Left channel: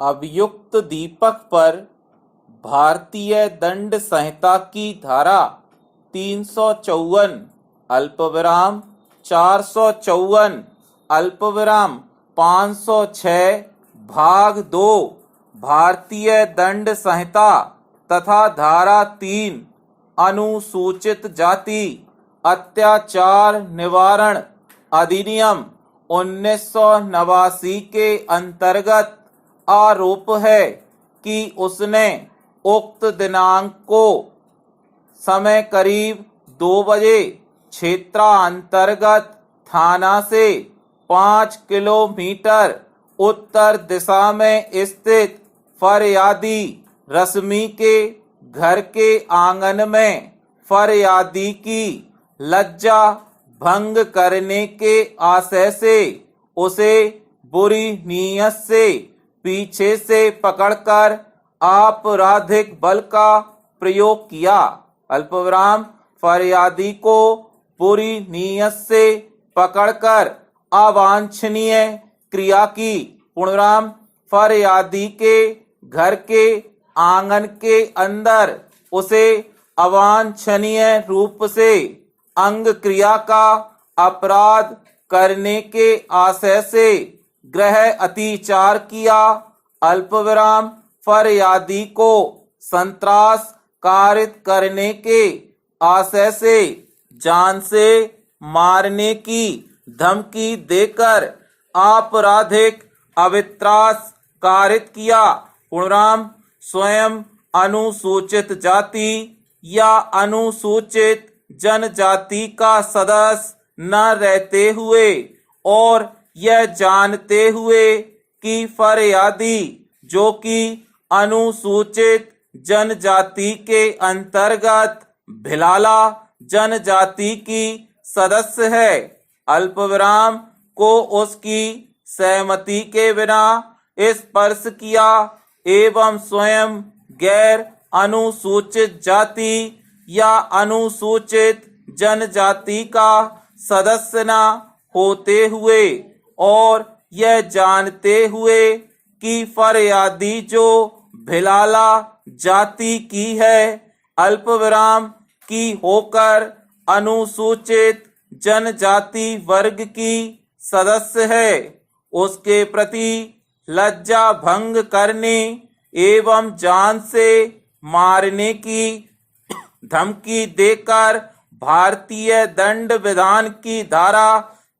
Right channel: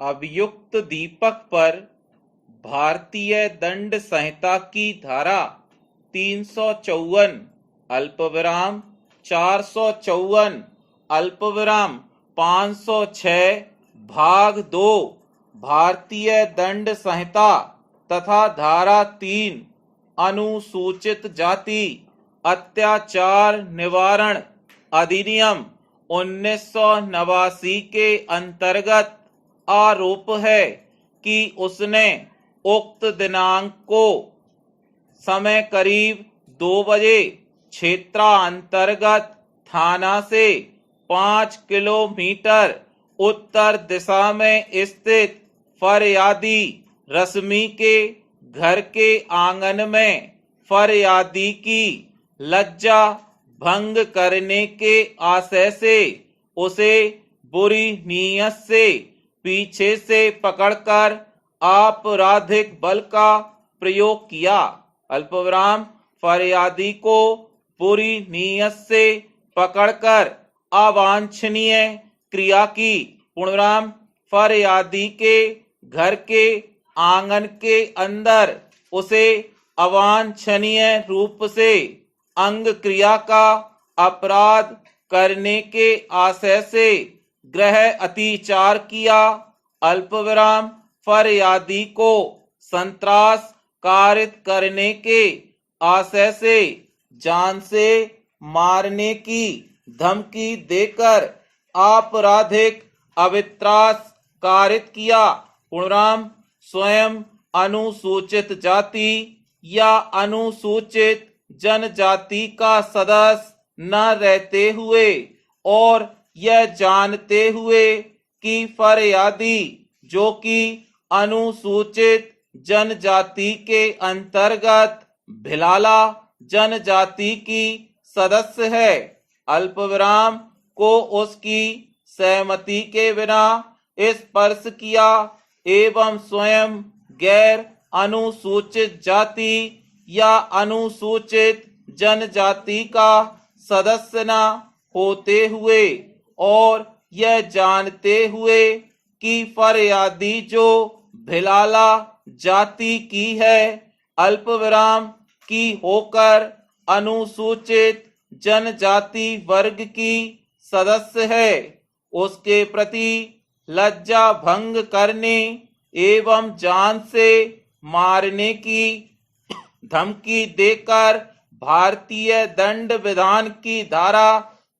अभियुक्त दीपक पर भारतीय दंड संहिता की धारा 354 अल्पविराम 454 अल्पविराम 506 भाग 2 भारतीय दंड संहिता तथा धारा 3 अनुसूचित जाति अत्याचार निवारण अधिनियम 1989 के अंतर्गत आरोप है कि उसने उक्त दिनांक को समय करीब 2 बजे क्षेत्रांतर्गत थाना से 5 किलोमीटर उत्तर दिशा में स्थित फरियादी रश्मि के घर के आंगन में फरियादी की लज्जा भंग करने के आशय से उसे बुरी नीयत से पीछे से पकड़कर आपराधिक बल का प्रयोग किया। अल्पविराम फरियादी को बुरी नीयत से पकड़कर अवांछनीय क्रिया की। पूर्णविराम फरियादी के घर के आंगन के अंदर उसे अवांछनीय रूप से अंग क्रिया का अपराध करने के आशय से गृह अतिचार किया। अल्पविराम फरियादी को संत्रास कारित करने के आशय से जान से मारने की धमकी देकर आपराधिक अवित्रास कारित किया। पूर्णविराम स्वयं अनुसूचित जाति या अनुसूचित जनजाति का सदस्य न रहते हुए और यह जानते हुए कि फरियादी जो कि अनुसूचित जनजाति के अंतर्गत भिलाला जनजाति की सदस्य है, अल्पविराम को उसकी सहमति के बिना स्पर्श किया एवं स्वयं गैर अनुसूचित जाति या अनुसूचित जनजाति का सदस्य न होते हुए और यह जानते हुए कि फरियादी जो भिलाला जाति की है, अल्पविराम की होकर अनुसूचित जनजाति वर्ग की सदस्य है, उसके प्रति लज्जा भंग करने एवं जान से मारने की धमकी देकर भारतीय दंड विधान की धारा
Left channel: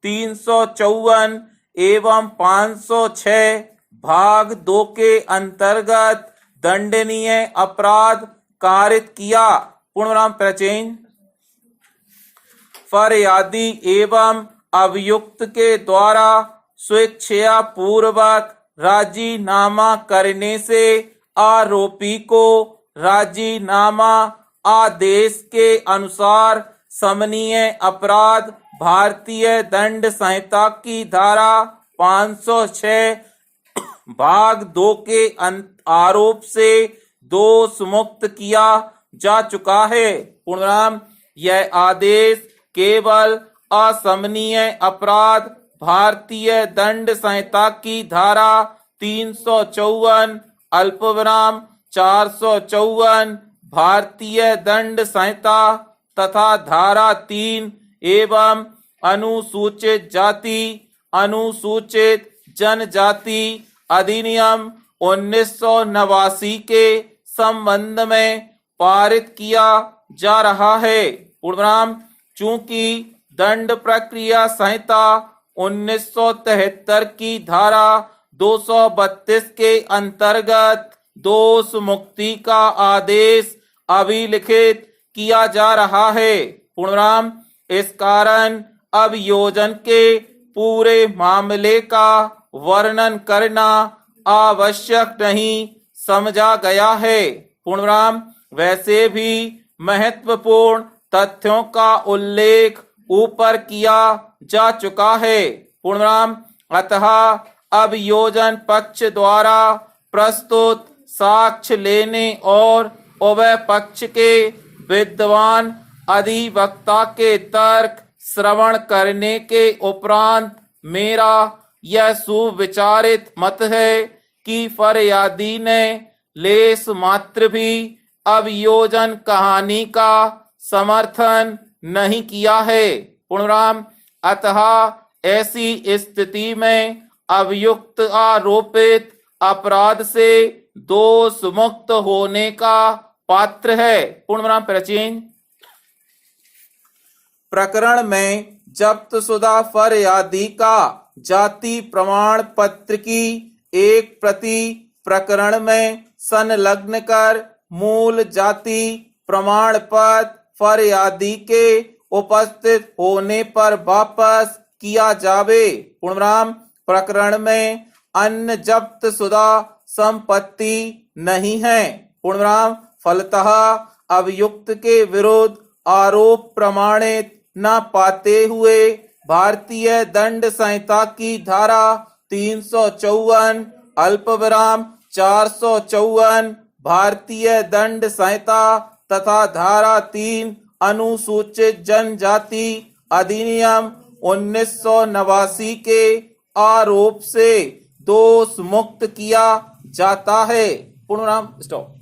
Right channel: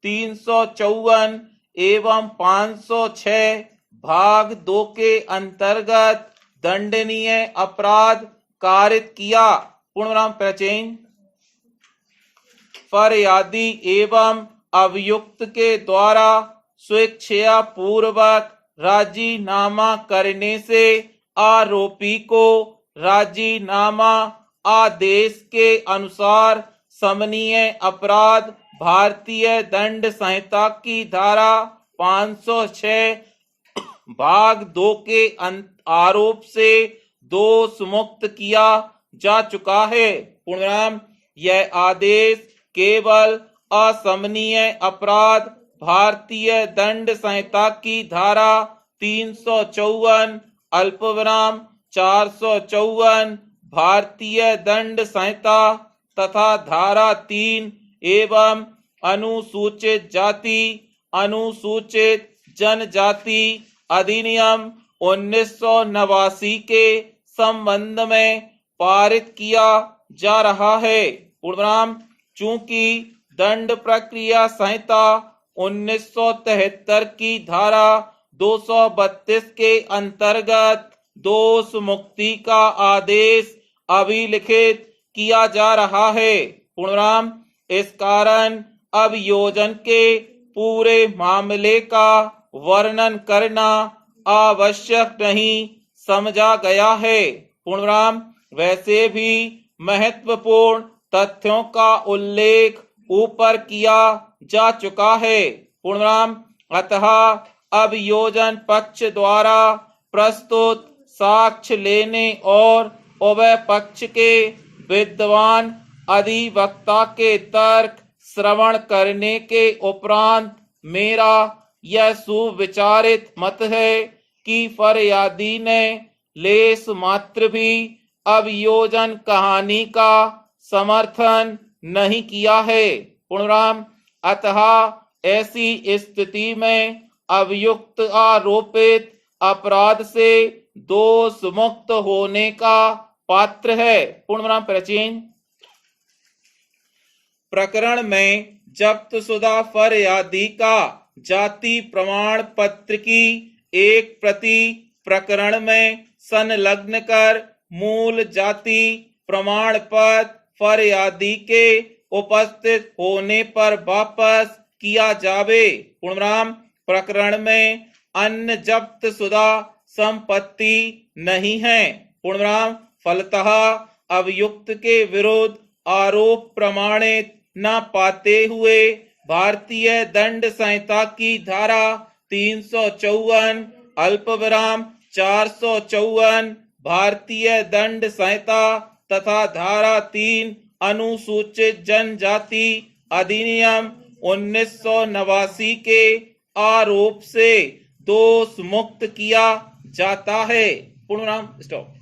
354 एवं 506 भाग 2 के अंतर्गत दंडनीय अपराध कारित किया। पूर्णविराम प्रचेन फरियादी एवं अभियुक्त के द्वारा स्वेच्छा पूर्वक राजीनामा करने से आरोपी को राजीनामा आदेश के अनुसार समनीय अपराध भारतीय दंड संहिता की धारा 506 भाग 2 के आरोप से दोष मुक्त किया जा चुका है। पूर्णविराम यह आदेश केवल असमनीय अपराध भारतीय दंड संहिता की धारा 354 अल्पविराम 454 भारतीय दंड संहिता तथा धारा 3 एवं अनुसूचित जाति अनुसूचित जनजाति अधिनियम 1989 के संबंध में पारित किया जा रहा है। पूर्णविराम चूंकि दंड प्रक्रिया संहिता 1973 की धारा 232 के अंतर्गत दोष मुक्ति का आदेश अभिलिखित किया जा रहा है। पूर्णविराम इस कारण अभियोजन के पूरे मामले का वर्णन करना आवश्यक नहीं समझा गया है। पूर्णविराम वैसे भी महत्वपूर्ण तथ्यों का उल्लेख ऊपर किया जा चुका है। पूर्णविराम अतः अभियोजन पक्ष द्वारा प्रस्तुत साक्ष्य लेने और उभय पक्ष के विद्वान अधिवक्ता के तर्क श्रवण करने के उपरांत मेरा यह सुविचारित मत है कि फरियादी ने लेस मात्र भी अभियोजन कहानी का समर्थन नहीं किया है। पूर्णविराम अतः ऐसी स्थिति में अभियुक्त आरोपित अपराध से दोष मुक्त होने का पात्र है। पूर्णविराम प्राचीन प्रकरण में जब्तशुदा फरियादी का जाति प्रमाण पत्र की एक प्रति प्रकरण में संलग्न कर मूल जाति प्रमाण पत्र फरियादी के उपस्थित होने पर वापस किया जावे। पूर्णविराम प्रकरण में अन्य जब्तशुदा संपत्ति नहीं है। पूर्णविराम फलतः अभियुक्त के विरुद्ध आरोप प्रमाणित न पाते हुए भारतीय दंड संहिता की धारा 354 अल्पविराम 454 भारतीय दंड संहिता तथा धारा 3 अनुसूचित जनजाति अधिनियम 1989 के आरोप से दोष मुक्त किया जाता है। पूर्णविराम स्टॉप।